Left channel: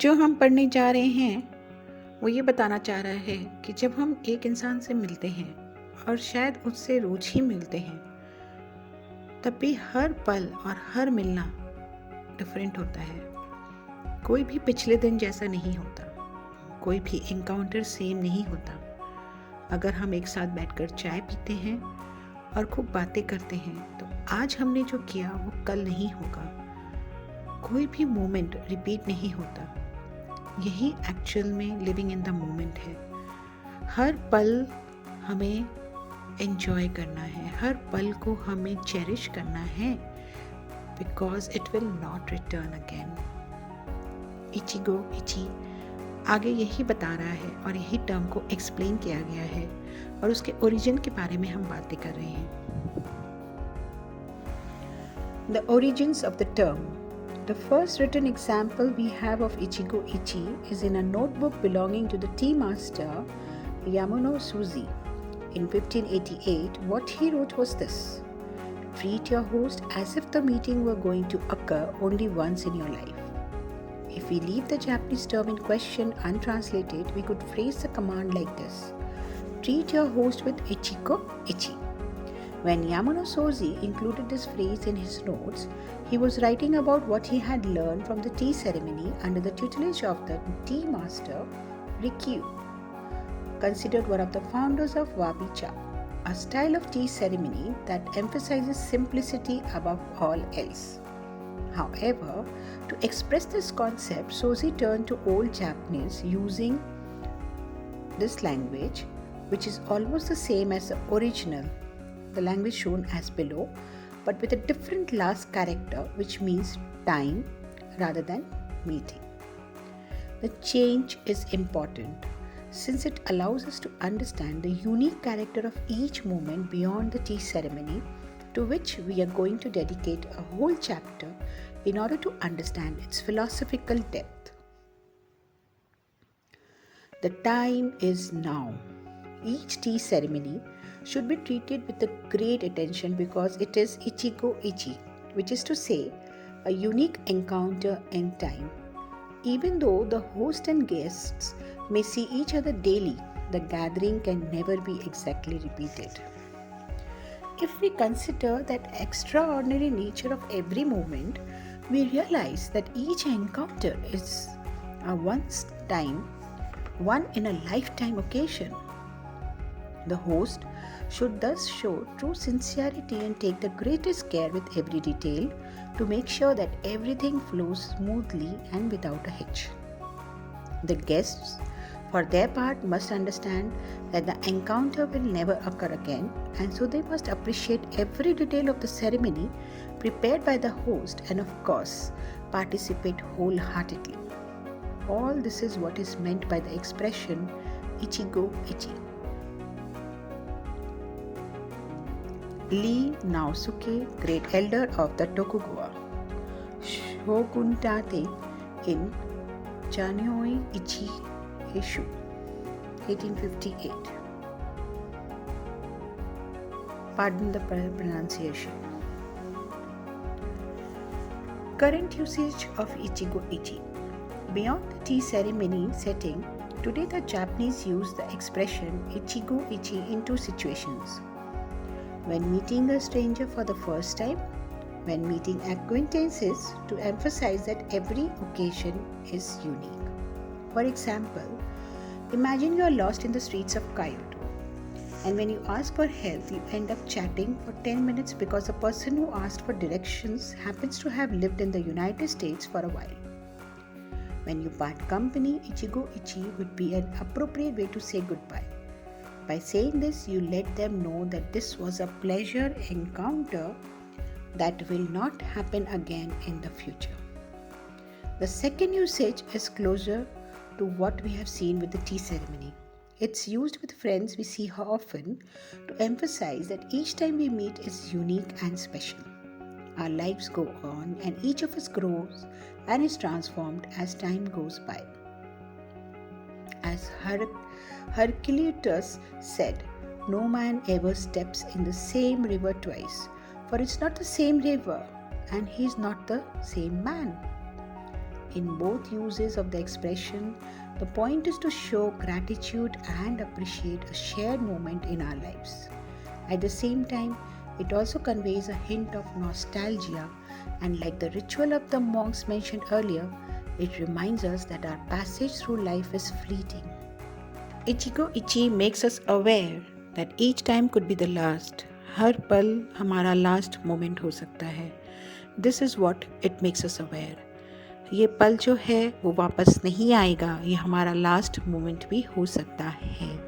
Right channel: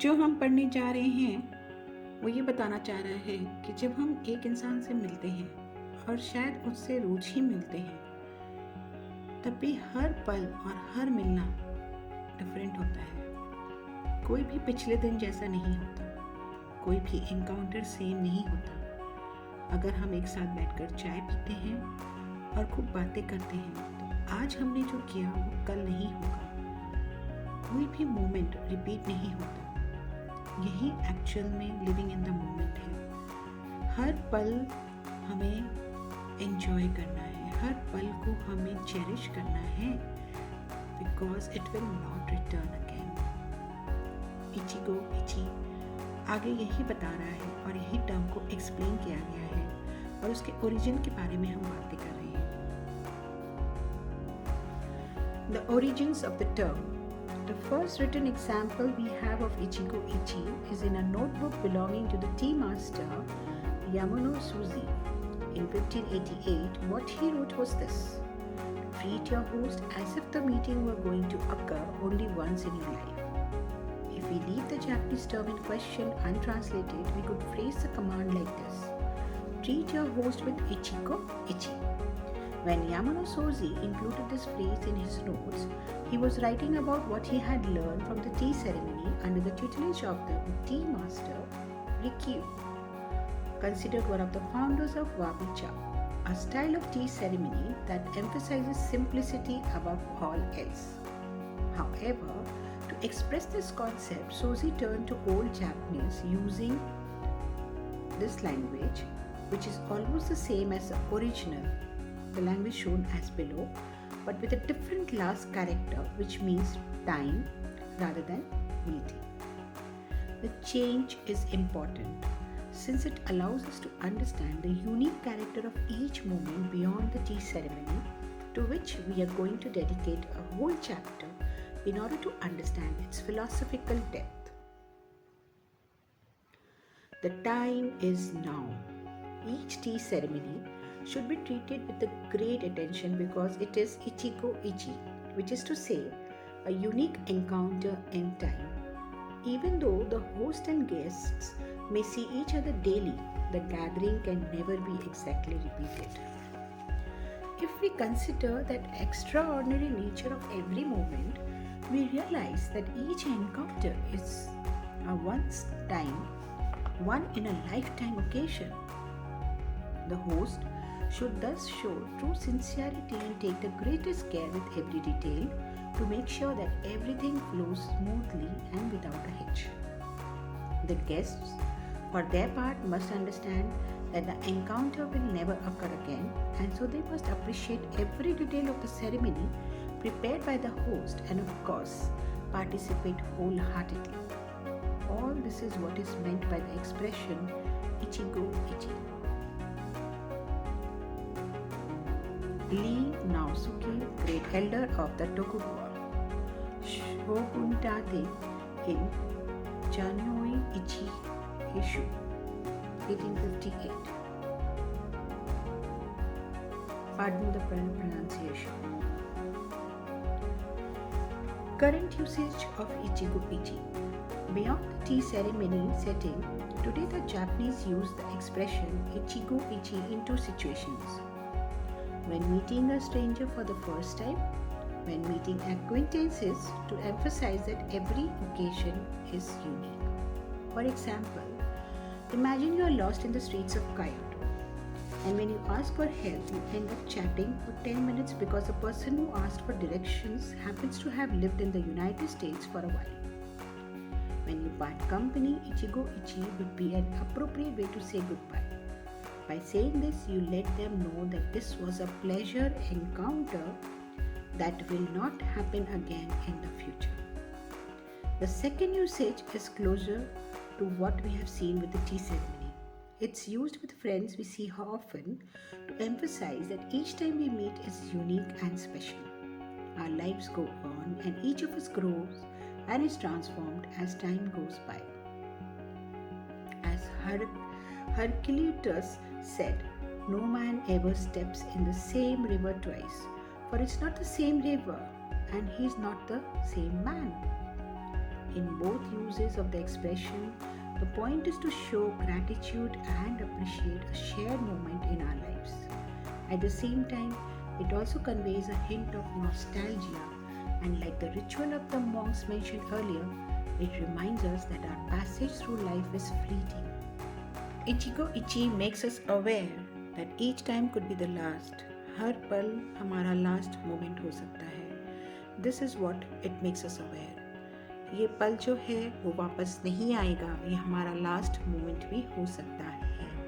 जो हम पढ़ने जा रहे हैं वो ये बताना चाह रहा है कि जब हम एक इंसान से मिलते हैं और शायद उससे रोज ही मिलते हैं, तब भी हर पल और हर मिलना डिफरेंट होता है। कोई भी पिछले दिन जैसा नहीं होता, कोई भी एनकाउंटर सेम नहीं होता। अगर हम एक साथ बैठकर चाय पीते हैं और खूब बातें करते हैं, तो आज हमने जो किया वो कल नहीं होगा। कोई भी मोमेंट रिपीट नहीं होता। यही एक्चुअल में लिविंग इन द मोमेंट है। हर पल हमें एंजॉय करना है, हर पल को हमें चेरिश करना है, because it will not return again. इचिगो इची आगे यही बता रहा है और यही टर्म को एक्सप्लेन किया गया है और उसके ओरिजिन के बारे में हम बातें कर रहे हैं। The origins of the term. The first written example we have of Ichigo Ichi is in a notebook belonging to the tea master Yamuno Suzy. In 1588, what he wrote was this: treat your host as if the meeting were going to occur only once in your life. If we leave the Japanese term in question untranslated, we could phrase the command like this: treat your host with Ichigo Ichi. When Yamuno Suzy included this phrase in his notes, he was writing about what he had learned from the tea ceremony under the tutelage of the tea master Rikyu, considered one of the founders of Wabi-cha, a style of tea ceremony that emphasizes simplicity above all else. However, to express this concept, Suzy turned to Old Japanese using this language, which is almost the same as the original, the language shown as below, but with a different last character, which means time rather than meeting. The change is important since it allows us to understand the unique character of each moment beyond the tea ceremony, to which we are going to dedicate a whole chapter in order to understand its philosophical depth. The time is now. Each tea ceremony should be treated with a great attention because it is Ichigo Ichi, which is to say, a unique encounter in time. Even though the host and guests may see each other daily, the gathering can never be exactly repeated. If we consider that extraordinary nature of every moment, we realize that each encounter is a one in a lifetime occasion. The host should thus show true sincerity and take the greatest care with every detail to make sure that everything flows smoothly and without a hitch. The guests, for their part, must understand that the encounter will never occur again, and so they must appreciate every detail of the ceremony prepared by the host and, of course, participate wholeheartedly. All this is what is meant by the expression Ichigo Ichi. Lee Naosuke, great elder of the Tokugawa Shogunate in Chanyoi Ichi Heishu, 1858. Pardon the pronunciation. Current usage of Ichigo Ichi. Beyond the tea ceremony setting, today the Japanese use the expression Ichigo Ichi in two situations: when meeting a stranger for the first time, when meeting acquaintances to emphasize that every occasion is unique. For example, imagine you are lost in the streets of Kyoto, and when you ask for help, you end up chatting for 10 minutes because the person who asked for directions happens to have lived in the United States for a while. When you part company, Ichigo Ichi would be an appropriate way to say goodbye. By saying this, you let them know that this was a pleasure encounter that will not happen again in the future. The second usage is closer to what we have seen with the tea ceremony. It's used with friends we see often to emphasize that each time we meet is unique and special. Our lives go on and each of us grows and is transformed as time goes by. As Heraclitus said, no man ever steps in the same river twice, for it's not the same river and he's not the same man. In both uses of the expression, the point is to show gratitude and appreciate a shared moment in our lives. At the same time, it also conveys a hint of nostalgia, and like the ritual of the monks mentioned earlier, it reminds us that our passage through life is fleeting. Ichigo Ichi makes us aware that each time could be the last. हर पल हमारा last moment हो सकता है. This is what it makes us aware. ये पल जो है वो वापस नहीं आएगा, ये हमारा लास्ट मोमेंट भी हो सकता है.